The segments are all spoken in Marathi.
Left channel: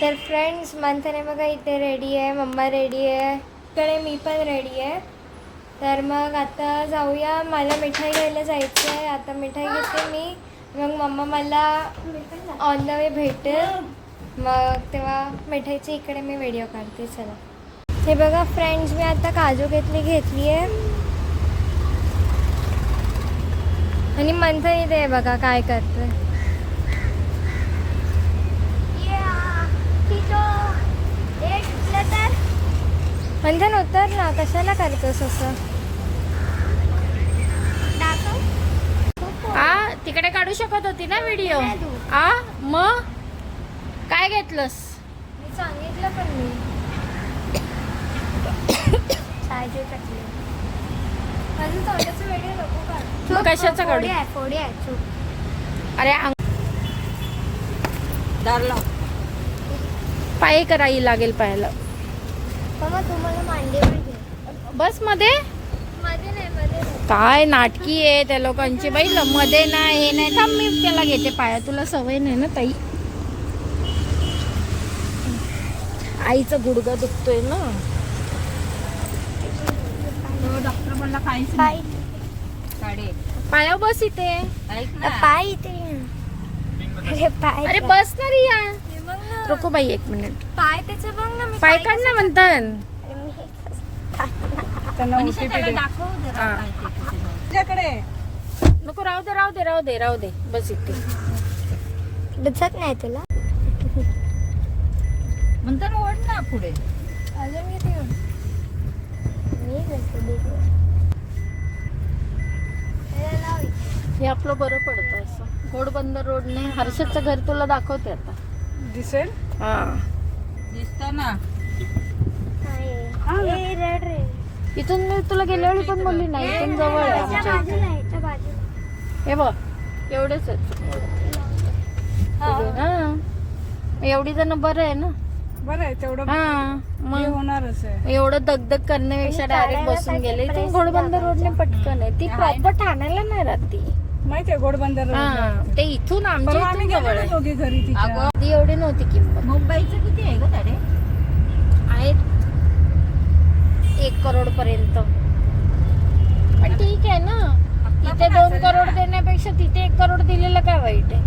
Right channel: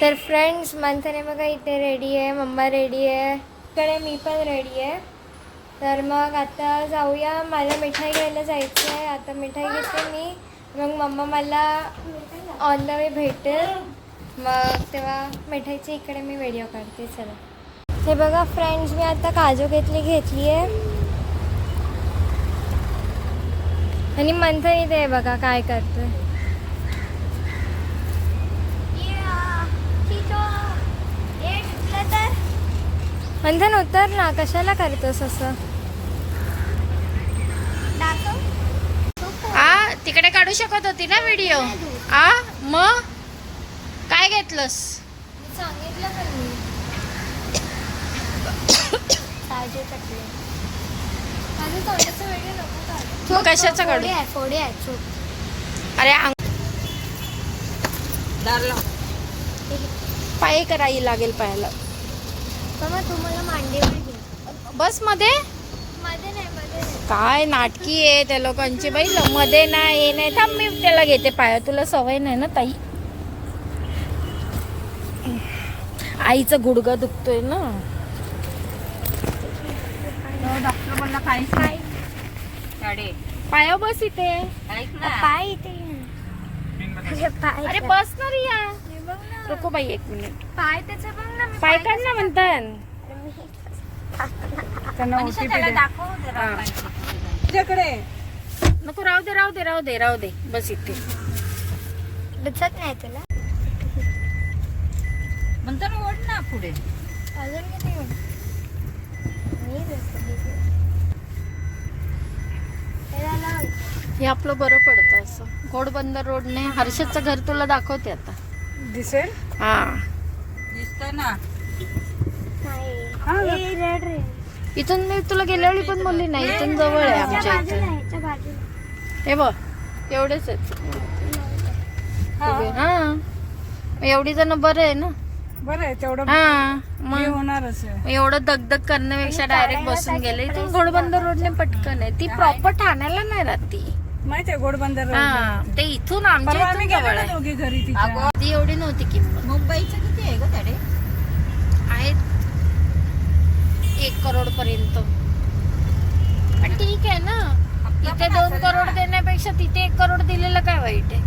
तर फ्रेंड्स मंथने बघा इथे रेडी आहे, मम्मा रेडी आहे, इकडे मी पण रेडी आहे. तर मग आता जाऊया, मला मिठाई घ्यायला जायचं आहे. आता मिठाई घेते मी, मग मम्मा मला ऑन द वे भेटेल. मग तेव्हा मिठाईची इकडे मी व्हिडिओ काढते. चला हे बघा फ्रेंड्स, मी आता काजू घेतली आहे आणि मंथन इथे बघा काय करतोय. मंथन उतर ना, कशाला करतोस असं? तिकडे काढू शकत होती ना व्हिडिओ. मग काय घेतलंस? मी सांगितलं पण मी व्हिडिओ कशाचा काढू? अरे पाय करायला लागेल पायाला. तुम्हाला मांडीवर घे. बस मध्ये काय नाटकी आहे त्या लोकांची बाई. मध्ये नाही हे नाही. थांब मी त्याला घेते पाया, तुला सवय नाही ना ताई. आईचा गुडघा दुखतोय ना. डॉक्टर बोलला काहीच नाही. पाया बस इथे. पाय इथे. अरे बस ना रिया. रुको बाई एक मिनिट. पाय त्याचं बघ ना. पाय काढ ना म्हणतात. नको राहू दे बस इथे. दिसत नाही तुला म्हणतात. ओढ ना पुढे. हे आपलं बरं पडतं असं. घोडबंदर रोडने हर्षदचं घर तुला दाखवते आता. दिसेल. हा दिसत ना. इथून मी तुला गेल्या वेळी पण बोलली नाही, इथून जवळ आहे आमच्या इथून. हे बघ एवढेच आहेत. हा एवढी जण बरं आहे ना. बरं आहे तेवढं. हा मग होणारच आहे. एवढं दगदग करण्यापेक्षा डायरेक्ट बसून गेले. इथून घोडबंदर रोडने पटकन आहे. ती प्रॉपर ठाण्याला नाही राहती माहिती आहे. घोडबंदर हा ते इथून आमच्या इथून जवळ आहे. घरी ती एवढी नव्हती किंमत. मुंबईचं किती आहे ग तडे? आहेत 1 करोड पर्यंत. पण ठीक आहे ना, इथे 2 करोड देण्यापेक्षा तिथे 1 करोड दिलेलं काय वाईट आहे.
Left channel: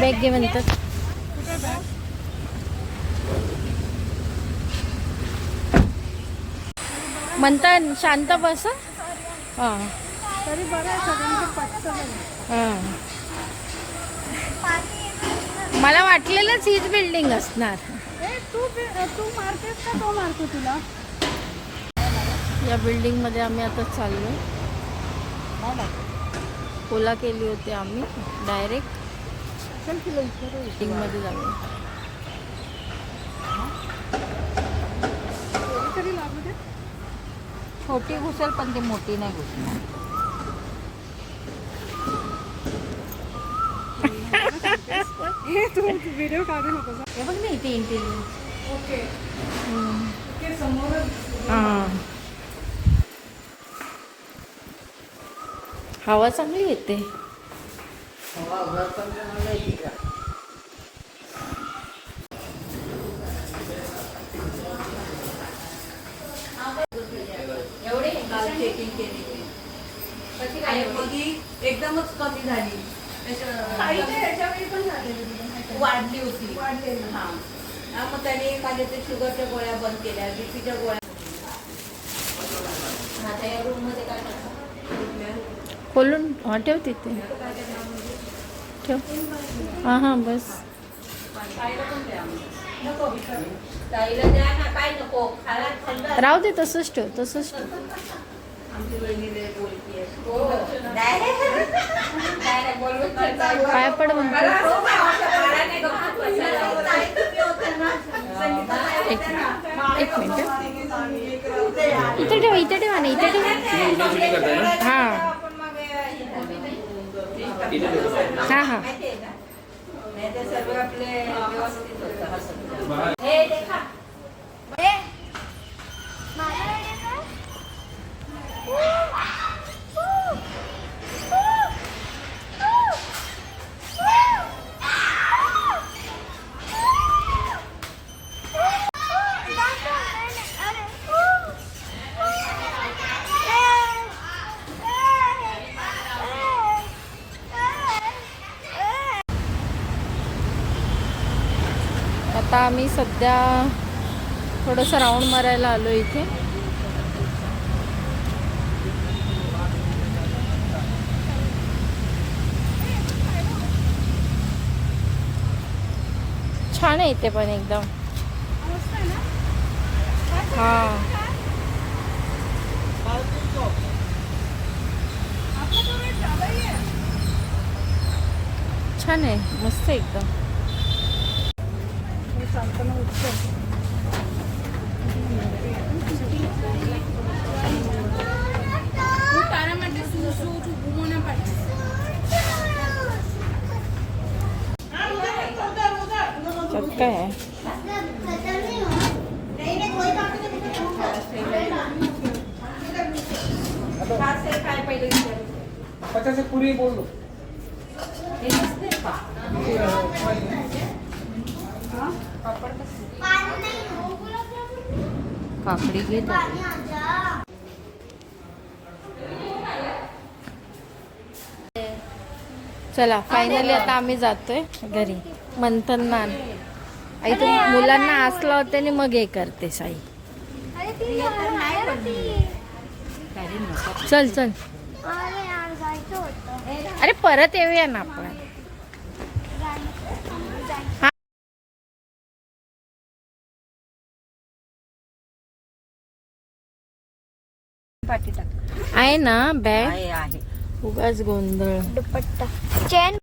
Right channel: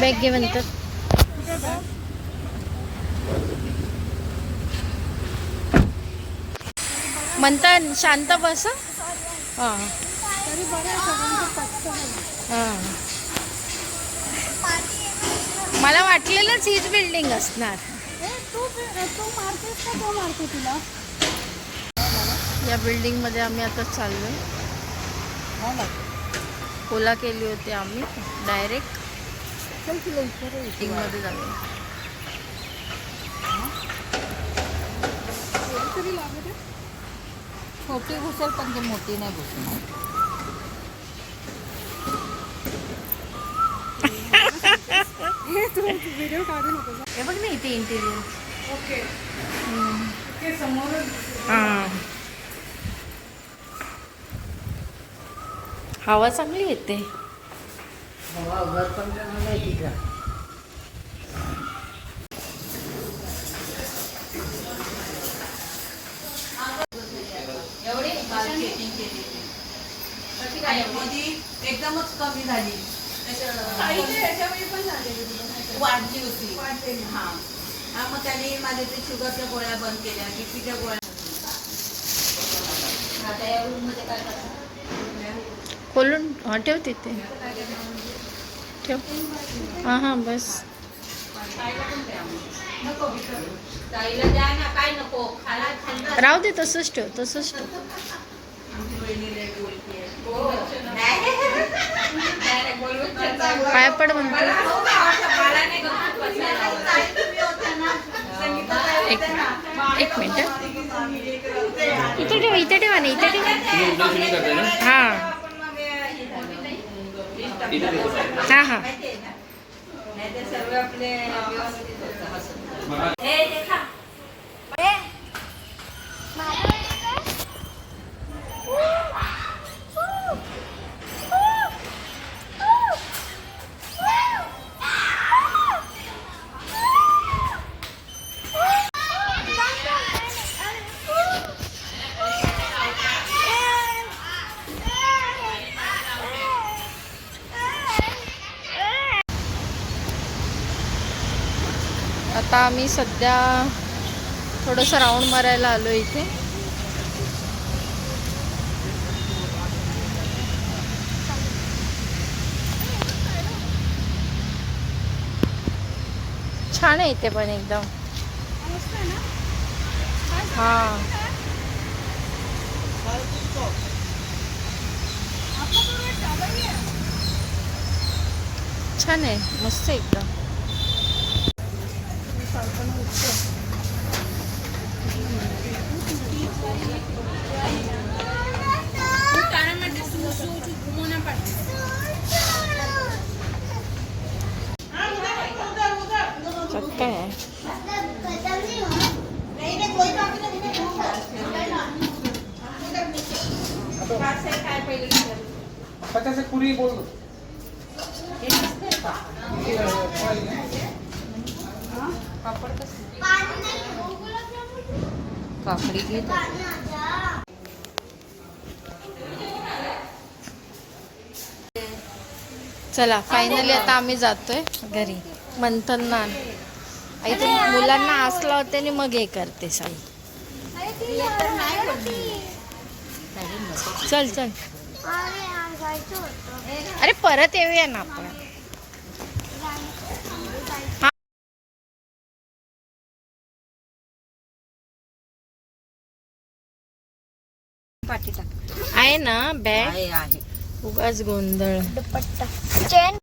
बॅग घे म्हणतात. म्हणतात शांत बस. हा तरी बरं आहे सगळ्यांचं पटतं. हा मला वाटलेलंच हीच बिल्डिंग असणार. तू मारतेस का तो मारतो तुला? या बिल्डिंग मध्ये आम्ही आता चाललोय. ओला केली होती आम्ही डायरेक्ट बिल्डिंग मध्ये जाऊया. छोटी घुसल पण ते मोठी नाही घुसणार. व्हिडिओ काढू नको. हे बघ ना इथे इंटेरियर. ओके समोर. हा हवा चांगली येते. एकदमच कमी झाली. वाढली होती. हा मग त्याने माझ्या ते शुगरच्या गोळ्या बंद केल्या, बीपीच्या गोळ्या. आता या रूम मध्ये काय करतात? खोलून हा ठेव तिथे ठेव. हा हा बस. ताईला द्या ना, काय नको खायला. राहू दे तसंच ठेव तसंच ठेव. पाय पड म्हणतो. एक मिनिट इथे ठेव इथे ठेवा ना इथे ठेव. हा हा हा आता आम्ही सध्या थोडंसं राऊंड मारायला आलो इथे. छान आहे इथे पण एकदम. हा छान आहे मस्त एकदम. काय आहे पूरी बोल दो. काकडी घेत. चला फायनली आता आम्ही जातोय घरी. मंथन ना इथे मुलांना हसला होते आणि मग हे करते साई. चल चल अरे परत येऊया ना आपण. आहे ना बॅग. आहे उगाच गोंधळ. दुपट्टा चेन